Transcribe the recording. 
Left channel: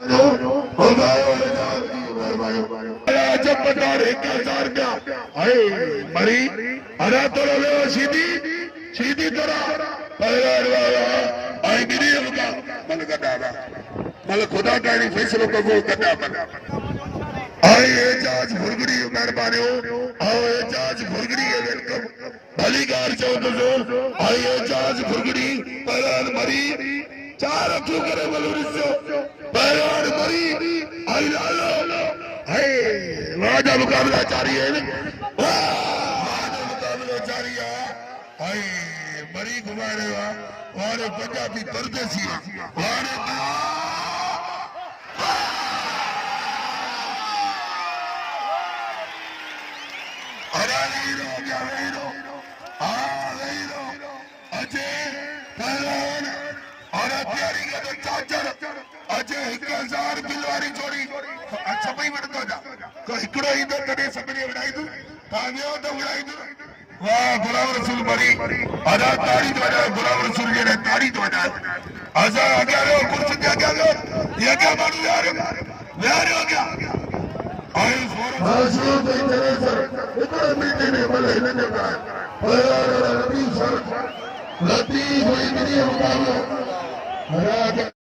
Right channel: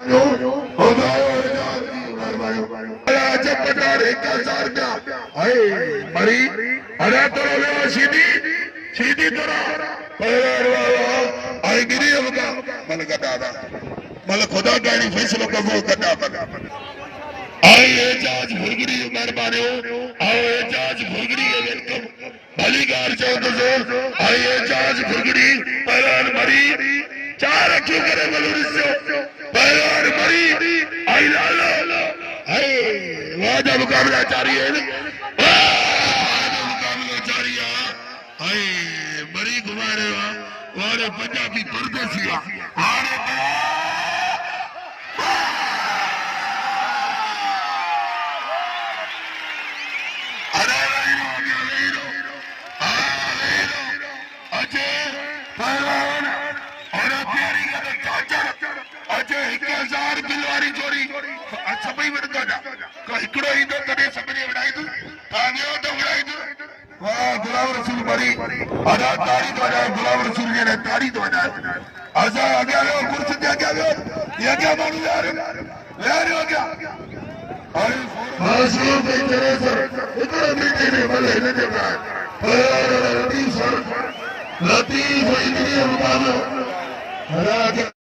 जब पटारे क्या सार क्या हाय मरी अरे तोरा ले सीधी सीधी तोरा पहले आई गिरी होगा मल का दादा मल खुदा का नहीं फैसलो कबूल करना मल आई एजाज भुरगड़ी मेहरबानी हो आओ एजाज भुरगड़ी है वेलकम भली गार चौदह सौ आई एजाज भुरगड़ी पहले मरी चार क्यों करे बलूर से पहले मरी आई लालो आई वादा मुकाबला जारी है मुकाबला जारी है आई मरी घुमाने वाले पंजाबी परदेसी वाले अरे लो अजय पहलवान अरे प्यारी का तो चाचा अजय 1000 बिलवारी चोरी अच्छा भाई मत कर तो इकड़ो ही तो तड़े सबने बनाई तू तावियो तो बनाई तू वाह गुलाम रसूल मरी अदा तारी तो अदा गुलाम रसूल ने तारी तो अदा आजा आगे कुर्सी पे आगे ये क्या मालूम यार ले रहे हो क्या आई फांसी के तरह से इतने मीठे ने भले न जगह लतीफ इतनी उतारो